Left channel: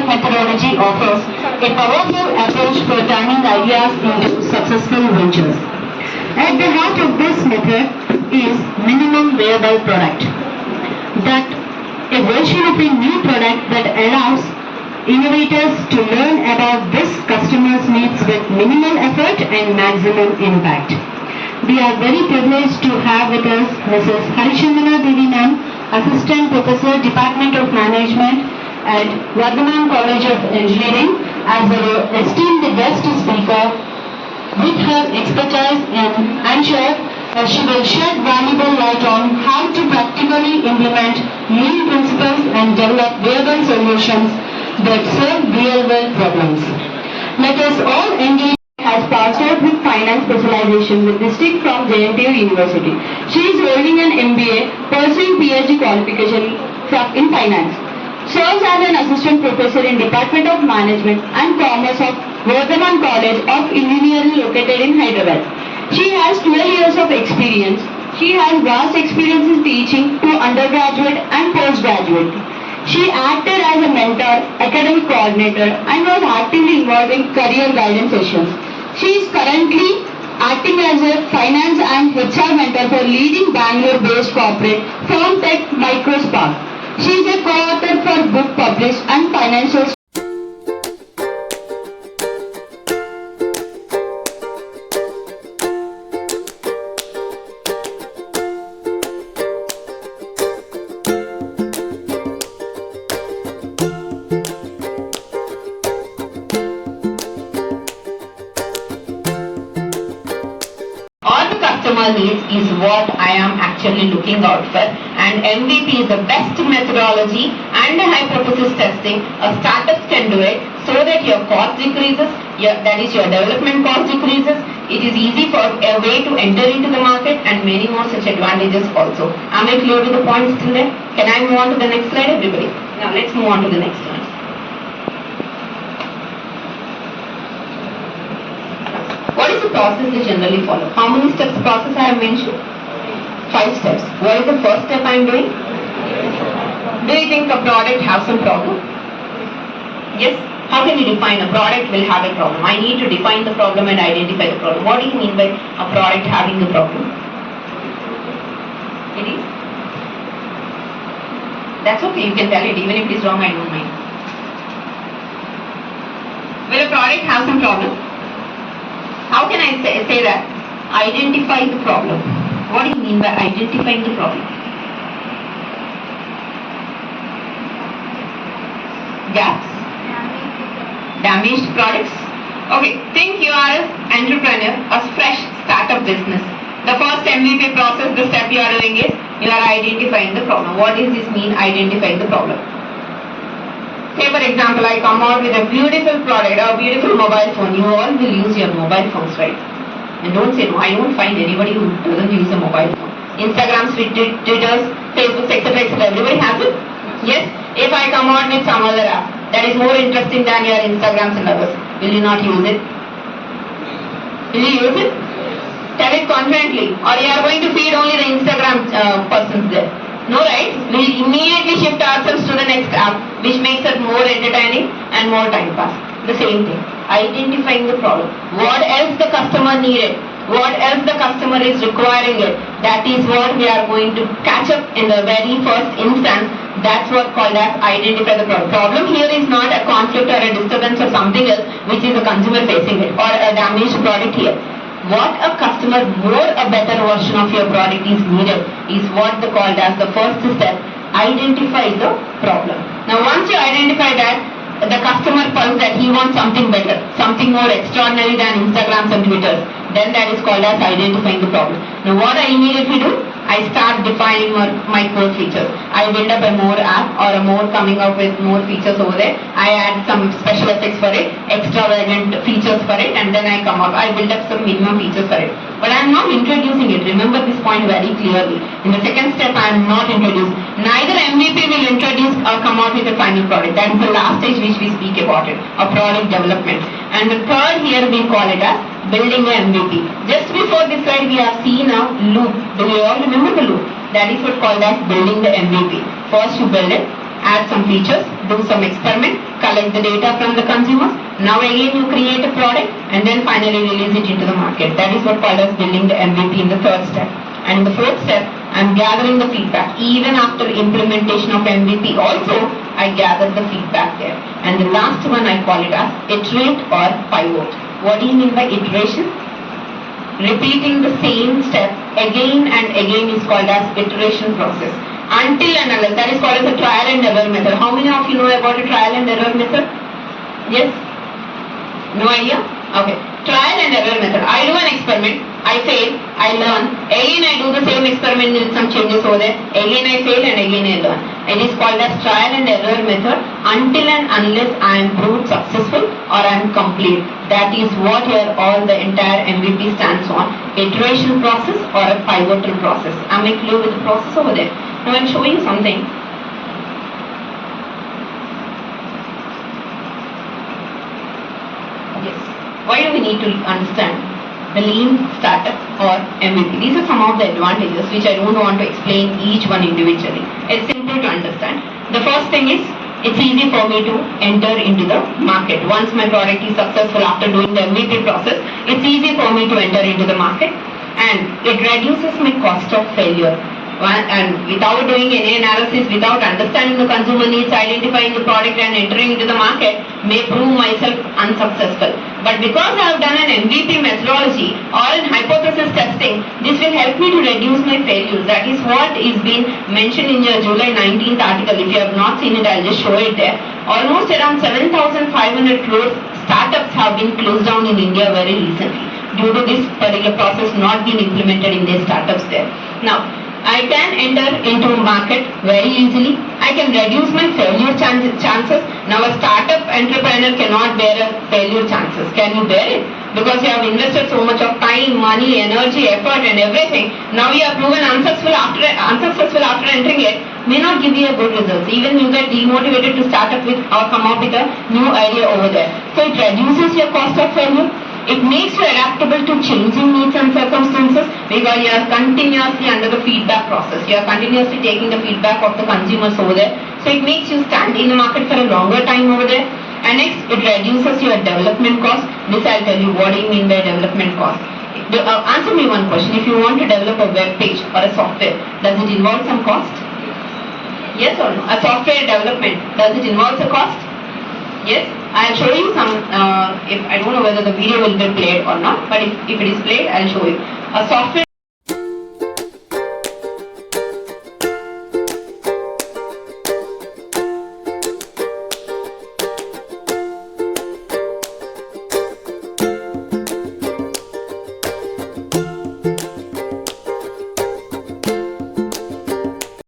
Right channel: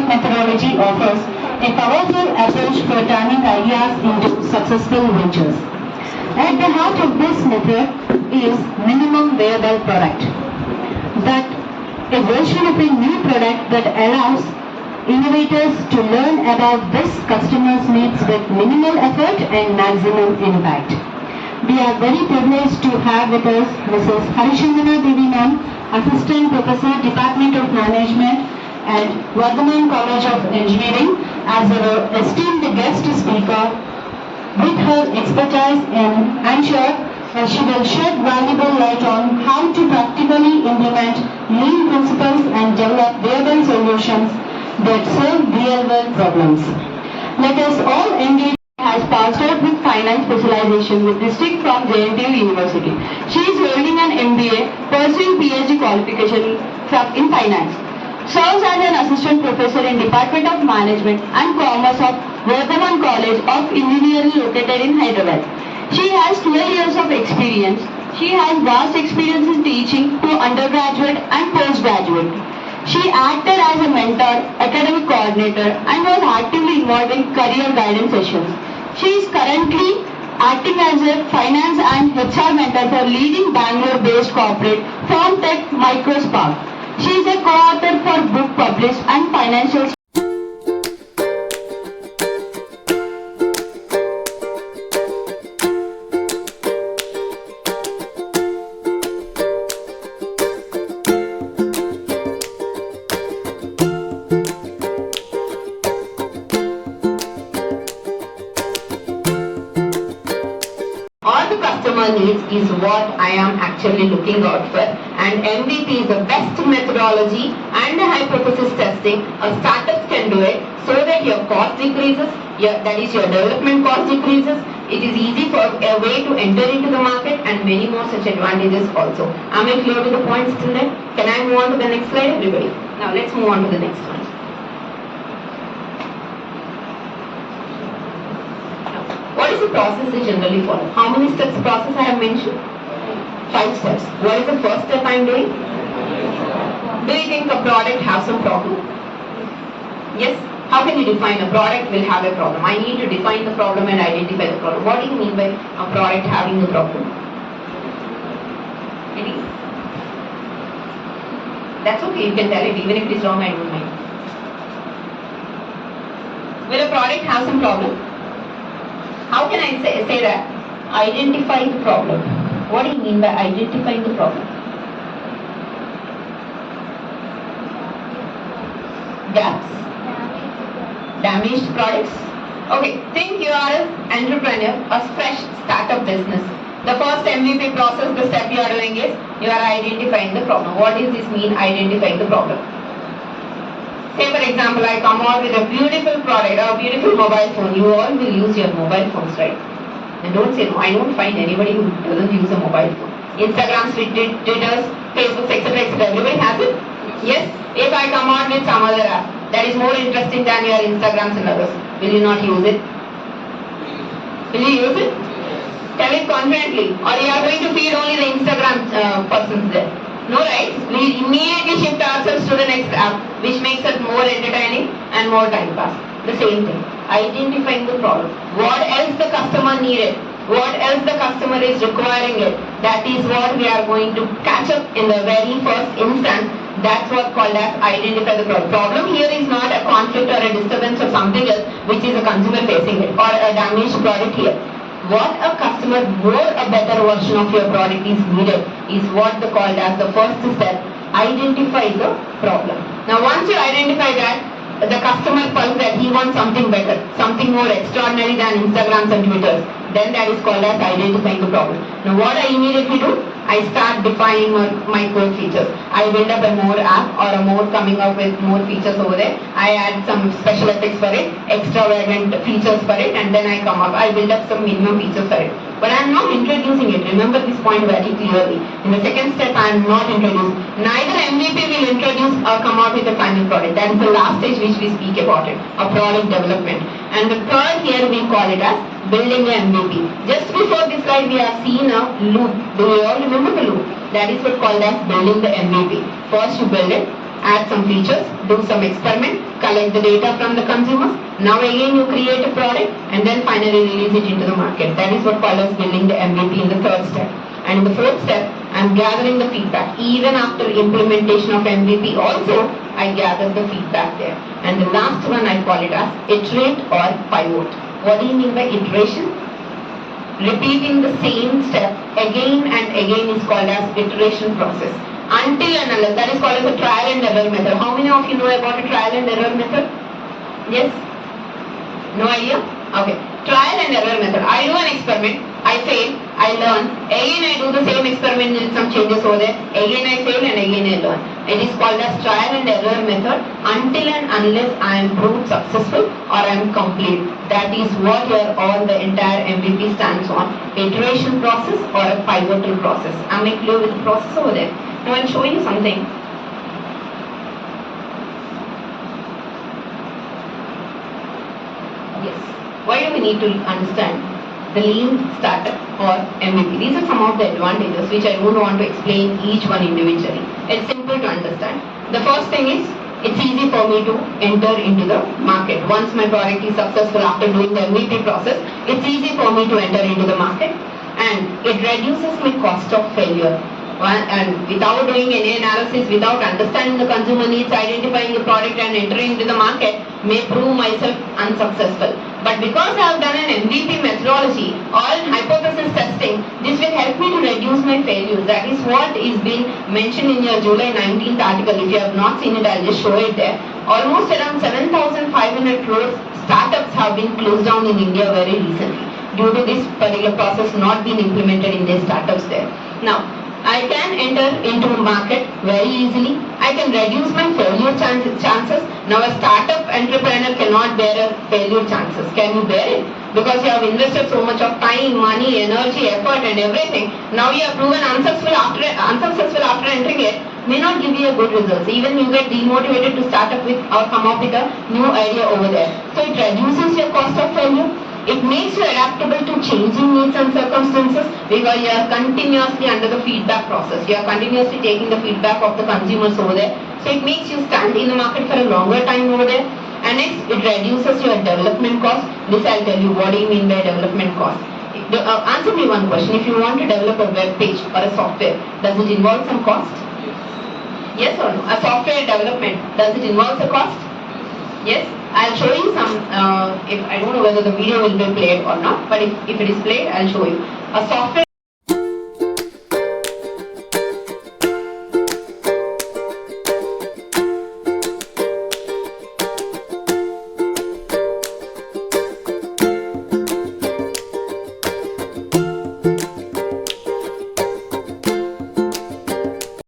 step methodology offers a powerful approach for turning ideas into successful ventures. At the heart of this method is minimum viable product. That a version of a new product that allows innovators to learn about this customer's needs with minimal effort and maximum impact. We are very privileged to have with us Mrs. Harichandana Devi ma'am, Assistant Professor, Department of Management at Vardhaman College of Engineering, as our esteemed guest speaker. With her expertise in, I'm sure she will shed valuable light on how to practically implement lean principles and develop viable solutions that serve real-world problems. Let us all engage. Has passed out with finance specialization with district from JNTU University. She is holding an MBA, pursuing PhD qualification in finance. Serves as an assistant professor in Department of Management and Commerce of Vardhaman College of Engineering located in Hyderabad. She has 12 years of experience. She has vast experience in teaching to undergraduate and postgraduate. She acted as a mentor, academic coordinator, and was actively involved in career guidance sessions. She is currently acting as a finance and HR mentor for leading Bangalore-based corporate firm Tech Microspark. She is a co-author for book published and financial. Needs is what I am actually looking out for, and MVP is the best methodology and hypothesis testing. A startup can do it so that your cost decreases, that is your development cost decreases. It is easy for a way to enter into the market and many more such advantages also. Am I clear to the points till there? Can I move on to the next slide, everybody? Now let's move on to the next slide. What is the process they generally follow? How many steps process I have mentioned? 5 steps. What is the first step I am doing? Do you think a product has some problem? Yes? How can you define a product will have a problem? I need to define the problem and identify the problem. What do you mean by a product having a problem? It is. That's okay, you can tell it. Even if it is wrong, I don't mind. Will a product have some problem? How can I say that? Identify the problem. What do you mean by identifying the problem? Gaps? Damaged products? Okay, think you are an entrepreneur, a fresh startup business. The first MVP process, the step you are doing is, you are identifying the problem. What does this mean, identifying the problem? Say for example, I come out with a beautiful product, a beautiful mobile phone. You all will use your mobile phones, right? And don't say no. I don't find anybody who doesn't use a mobile phone. Instagram, Twitters, Facebook, etc. Everybody has it. Yes? If I come out with some other app that is more interesting than your Instagrams and others, will you not use it? Will you use it? Tell it confidently. Or you are going to feed only the Instagram persons there. No, right? We immediately shift ourselves to the next app, which makes it more entertaining and more time pass. The same thing. Identifying the problem. What else the customer needed? What else the customer is requiring it? That is what we are going to catch up in the very first instance. That's what called as identify the problem. Problem here is not a conflict or a disturbance or something else, which is a consumer facing it, or a damaged product here. What a customer, more a better version of your product is needed is what they called as the first step. Identify the problem. Now once you identify that, the customer tells that he wants something better, something more extraordinary than Instagrams and Twitters, then that is called as identifying the problem. Now what I immediately do? I start defining my core features. I build up a more app or a more coming up with more features over there. I add some special effects for it, extravagant features for it, and then I come up. I build up some minimum features for it. But I am not introducing it. Remember this point very clearly. In the second step, I am not introducing. Neither MVP will introduce or come out with a final product. That is the last stage which we speak about it, a product development. And the third here we call it as building an MVP. Just before this slide we have seen a loop. Do you all remember the loop? That is what called as building the MVP. First you build it, add some features, do some experiment, collect the data from the consumers. Now again you create a product and then finally release it into the market. That is what called as building the MVP in the third step. And in the fourth step, I'm gathering the feedback. Even after implementation of MVP also, I gather the feedback there. And the last one I call it as iterate or pivot. What do you mean by iteration? Repeating the same step again and again is called as iteration process. Until and unless, that is called as a trial and error method. How many of you know about a trial and error method? Yes? No idea? Okay. Trial and error method. I do an experiment, I fail, I learn. Again I do the same experiment with some changes over there. Again I fail and again I learn. It is called as trial and error method until and unless I am proved successful or I am complete. That is what your all the entire MVP stands on. Iteration process or a pivotal process. Am I clear with the process over there? Now I will show you something. Yes. Why do we need to understand the lean startup or MVP? These are some of the advantages which I don't want to explain each one individually. It's simple to understand. The first thing is it's easy for me to enter into the market. Once my product is successful after doing the MVP process, it's easy for me to enter into the market and it reduces my cost of failure. And without doing any analysis, without understanding the consumer needs, identifying the product and entering into the market, may prove myself unsuccessful. But because I have done an MVP methodology or an hypothesis testing, this will help me to reduce my failures. That is what is being mentioned in your July 19th article. If you have not seen it, I'll just show it there. Almost around 7,500 crores startups have been closed down in India very recently due to this particular process not being implemented in their startups there. Now, I can enter into a market very easily. I can reduce my failure chances. Now a startup entrepreneur cannot bear a failure chances. Can you bear it? Because you have invested so much of time, money, energy, effort and everything. Now you are proven unsuccessful after entering it, may not give you a good results. Even you get demotivated to start up with or come up with a new idea over there. So it reduces your cost of failure. It makes you adaptable to changing needs and circumstances because you are continuously under the feedback process. You are continuously taking the feedback of the consumers over there. So it makes you stand in the market for a longer time over there. And next, it reduces your development cost. This I'll tell you what do you mean by development cost. Answer me one question. If you want to develop a web page or a software, does it involve some cost? Yes or no? A software development, does it involve a cost? Yes, I'll show you some, if I don't know whether the video will be played or not, but if it is played, I'll show you. A software